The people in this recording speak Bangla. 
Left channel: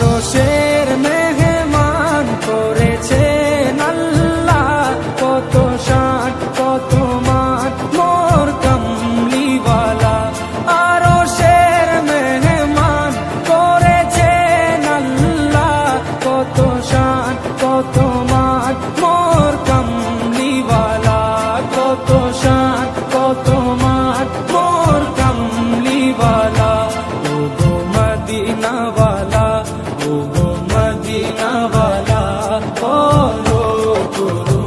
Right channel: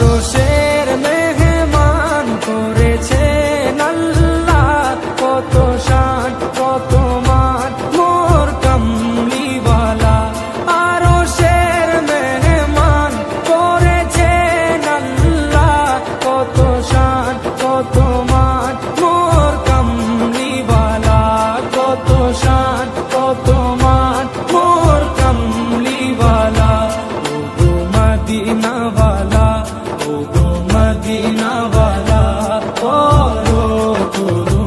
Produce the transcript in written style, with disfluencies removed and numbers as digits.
আরশের মেহমান করেছেন আল্লাহ, কত শান কত মান মোর কামলিওয়ালা। আরশের মেহমান করেছেন আল্লাহ, কত শান কত মান মোর কামলিওয়ালা, কত শান কত মান মোর কামলিওয়ালা। ও গো মদিনাওয়ালা, ও গো মদিনাওয়ালা, করো করো